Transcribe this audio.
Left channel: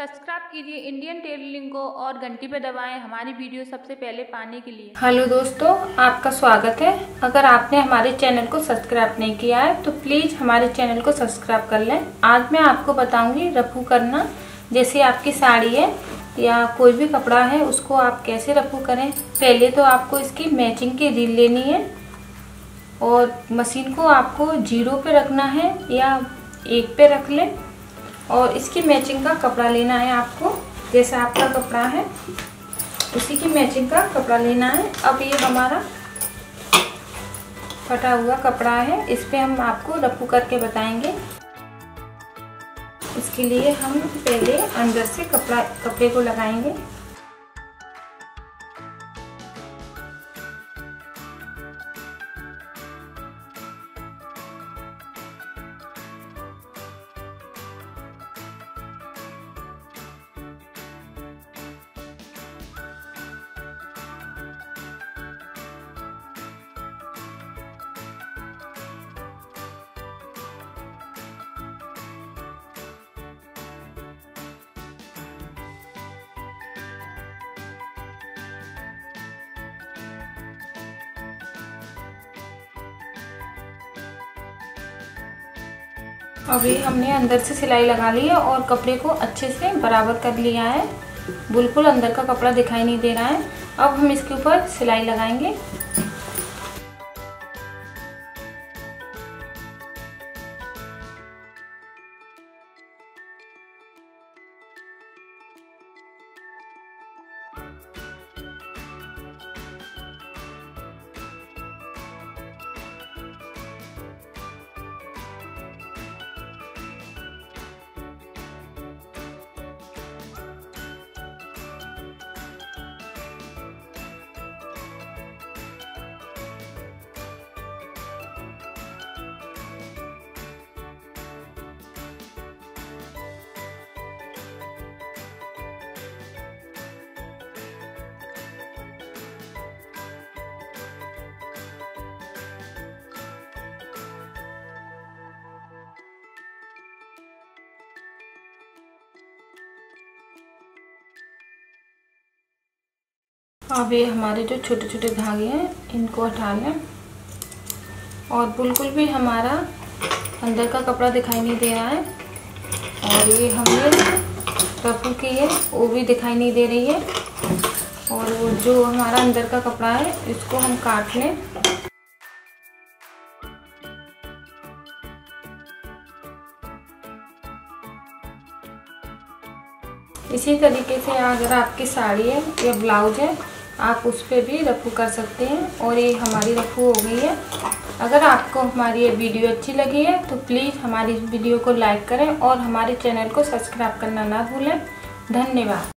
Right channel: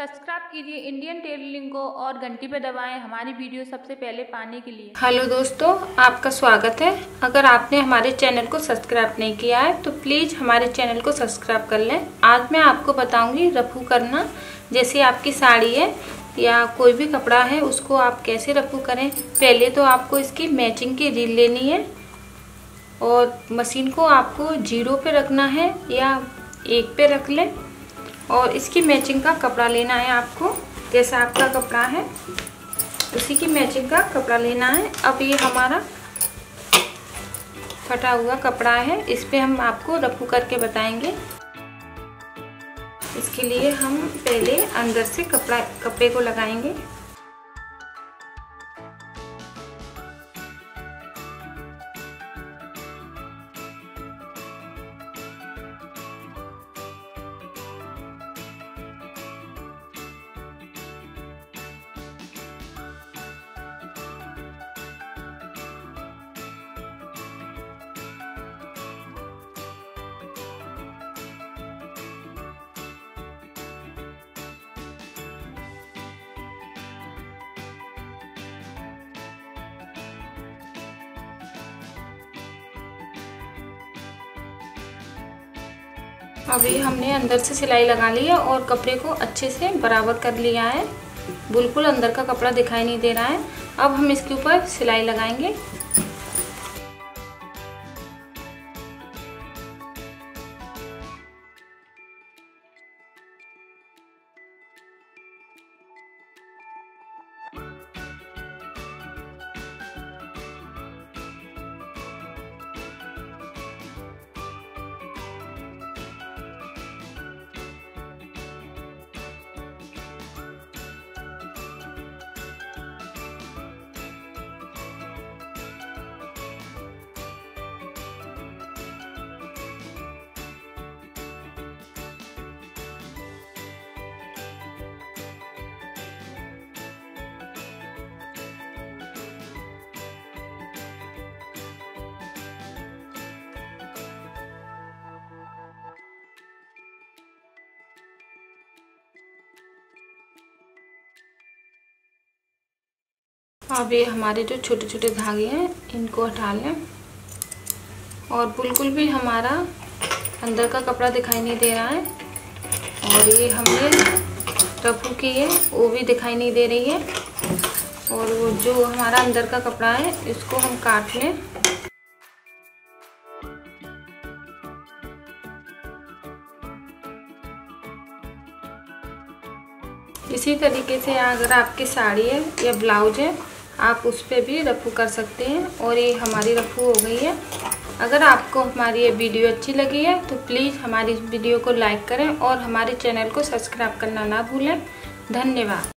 Subscribe कीजिए Indian tailoring को और घंटी पे दबाएं हमारी वीडियो सबसे पहले पाने के लिए। हेलो दोस्तों, आपका स्वागत है। अगर आपने हमारे चैनल को सब्सक्राइब नहीं किया है तो प्लीज हमारे चैनल को सब्सक्राइब कर लें। आज मैं आपको बताऊंगी रफू करना। जैसे आपकी साड़ी है या कोई भी कपड़ा है उसको आप कैसे रफू करें। पहले तो आपको इसकी मैचिंग की रील लेनी है और मशीन को आपको 0 पे रखना है या 1 पे रख लें और इसकी मैचिंग का कपड़ा लेना है आपको। जैसा आपका कपड़ा है उसी की मैचिंग का कपड़ा लेना है। अब ये हमारा कटा हुआ कपड़ा है, इस पे हम आपको रफू करके बताएंगे। इसके लिए हम पहले अंदर से कपड़े को लगाएंगे। अभी हमने अंदर से सिलाई लगा ली है और कपड़े को अच्छे से बराबर कर लिया है। बिल्कुल अंदर का कपड़ा दिखाई नहीं दे रहा है। अब हम इसके ऊपर सिलाई लगाएंगे। अब ये हमारे जो छोटे छोटे धागे हैं इनको हटा लें और बिल्कुल भी हमारा अंदर का कपड़ा दिखाई नहीं दे रहा है और ये हमने रफू की है वो भी दिखाई नहीं दे रही है। और वो जो हमारा अंदर का कपड़ा है इसको हम काट लें। इसी तरीके से अगर आपकी साड़ी है या ब्लाउज है आप उस पे भी रफू कर सकते हैं। और ये हमारी रफू हो गई है। अगर आपको हमारी ये वीडियो अच्छी लगी है तो प्लीज़ हमारी वीडियो को लाइक करें और हमारे चैनल को सब्सक्राइब करना ना भूलें। धन्यवाद।